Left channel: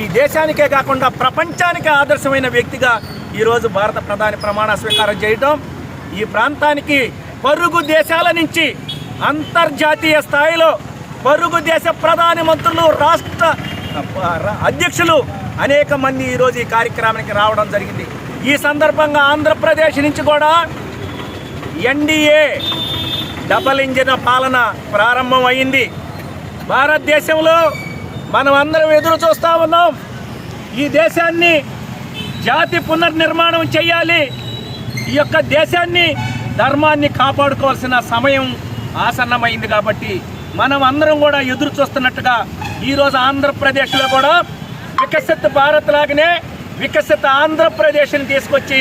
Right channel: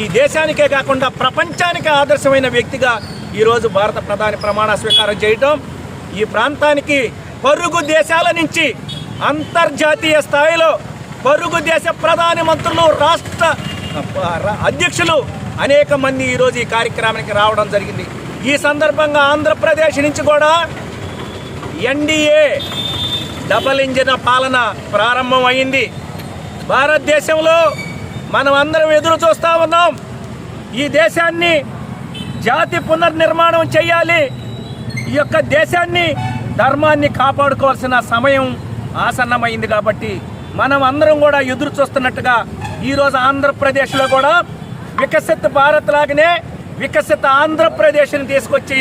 ఈ దేశానికే కాకుండా ప్రపంచానికి ఆదర్శమైన వ్యక్తిగా ఈరోజు భారత ప్రధాని ప్రమాణ స్వీకారం చేయడం ఈ ప్రాంతానికి పరుగు దేశాల నుంచి అంతర్జాతీయ స్థాయిలో పరుగు దేశ ప్రధాని మంత్రులు రాష్ట్ర అధ్యక్షులు అనేక మంది ఈరోజు ఈ కార్యక్రమానికి రావడం జరిగింది. ఈ సందర్భంగా ఆంధ్రప్రదేశ్ నుంచి కూడా ఎన్డీఏ డబల్ ఇంజిన్ పాలన ప్రారంభమైంది భారతదేశంలో మనం అందరం ఎదురు చూస్తా ఉన్నాం. ఈ దేశాన్ని జాతి పునర్నిర్మాణం చేయాలి ఈ యొక్క దేశాన్ని ధర్మాన్ని కాపాడుకోవాల్సిన సమయం ఆసన్నమైంది కాబట్టి మనం అందరం కూడా ఎదురు చూస్తున్నట్టుగా ఈరోజు ఆంధ్రప్రదేశ్లో కూడా వికసిత భారత్ లాగానే వికసిత ఆంధ్రప్రదేశ్ని తీసుకొచ్చి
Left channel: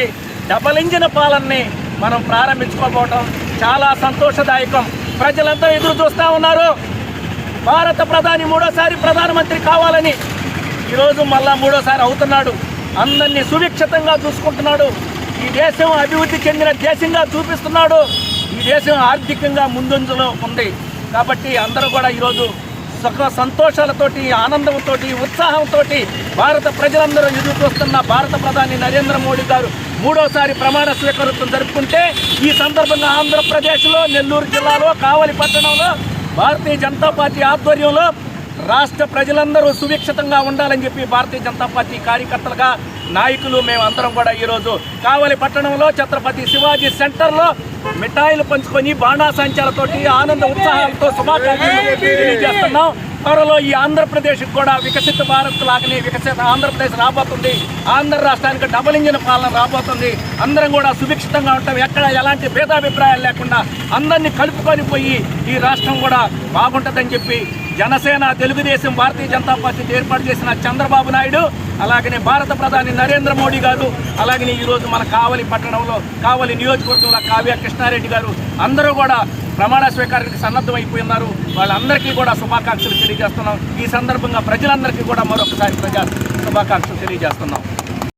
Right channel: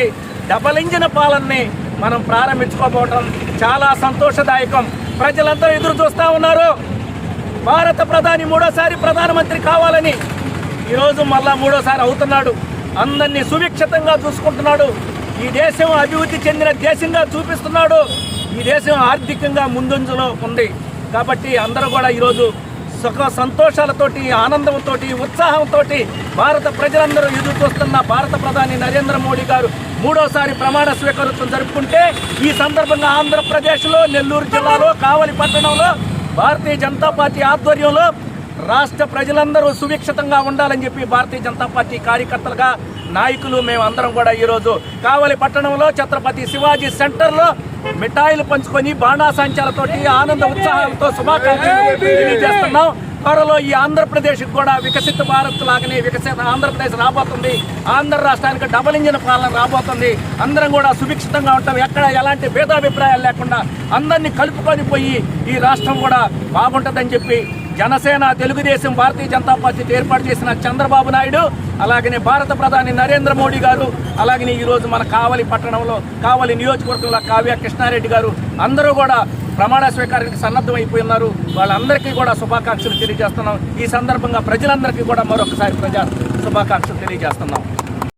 డబల్ ఇంజిన్ పాలనని మనం ప్రారంభించుకోబోవటం చాలా సంతోషదాయకం. ప్రజలంతా ఎదురు చూస్తూ ఉన్నారు. భారత ప్రధాని మూడోసారి ప్రధానమంత్రి కావాలని ఈరోజు మళ్ళా మూడోసారి అవుతున్నాడు. అందరినీ సువిక్షితంగా చూసుకుంటున్నాడు. ఈ దేశం అభివృద్ధి చెందిన దేశంగా చూపిస్తున్నాడు. ఈ దేశం ఆర్థికంగా ముందంజలో ఉంది. కాబట్టి అందరూ కూడా ఈరోజు సుఖ సంతోషాలతోటి ఆనందంతో ఉత్సాహంతో భారత ప్రజలందరూ ఎదురు చూస్తున్న భారత ప్రధాని నరేంద్ర మోడీ గారు మూడోసారి ప్రమాణ స్వీకారోత్సవం జరుపుకుంటే ఈ సందర్భంగా ఆంధ్రప్రదేశ్లో నెల్లూరు జిల్లాలో కావలి పట్టణంలో భారతీయ జనతా పార్టీ ఆధ్వర్యంలో రాష్ట్ర ప్రజలందరూ సుభిక్షితంగా ఉండాలని చెప్పి భారతీయ జనతా పార్టీ కార్యకర్తలుగా నాయకులు మేము అందరం కూడా ఈరోజు కావలి పట్టణంలో ఛత్రపతి శివాజీ సెంటర్లో మిఠాయిలు పంచుకొని బాణాసంచాలతోటి ఆనంద ఉత్సాహాలతో శుభాకాంక్షలు తెలియజేస్తున్నాం. త్వరలో ఈ ఆంధ్రప్రదేశ్ కూడా వికసిత భారత్ లాగానే వికసిత ఆంధ్రప్రదేశ్ రాబోతుంది. ఆంధ్ర రాష్ట్రానికి డబల్ ఇంజిన్ పాలన రాబోతుంది. అందరం కూడా సుభిక్షితంగా ఉంటాం. ఎక్కడ ఎలాంటి భేదాభిప్రాయాలు లేకుండా అందరినీ కలుపుకొని పోయి ఈ రాష్ట్రం కూడా బాగుంటుందని చెప్పి జనసేన తెలుగుదేశం భారతీయ జనతా పార్టీ ఏర్పాటు చేసిన చంద్రబాబు నాయుడు అలాగనే భారత ప్రధాని నరేంద్ర మోడీ గారు అలాగనే ఈరోజు మన కావలి పట్టణంలో కావలి నియోజకవర్గంలో కావ్య కృష్ణారెడ్డి గారు అందరూ కూడా ప్రమాణ స్వీకారానికి సన్నద్ధమైపోయి ఉన్నారు వాళ్ళందరికీ కూడా శుభాకాంక్షలు తెలియజేస్తున్నాం. ఈ సందర్భంగా ప్రజలందరికీ కూడా మరొకసారి ప్రజా శుభాకాంక్షలు తెలియజేస్తున్నాం.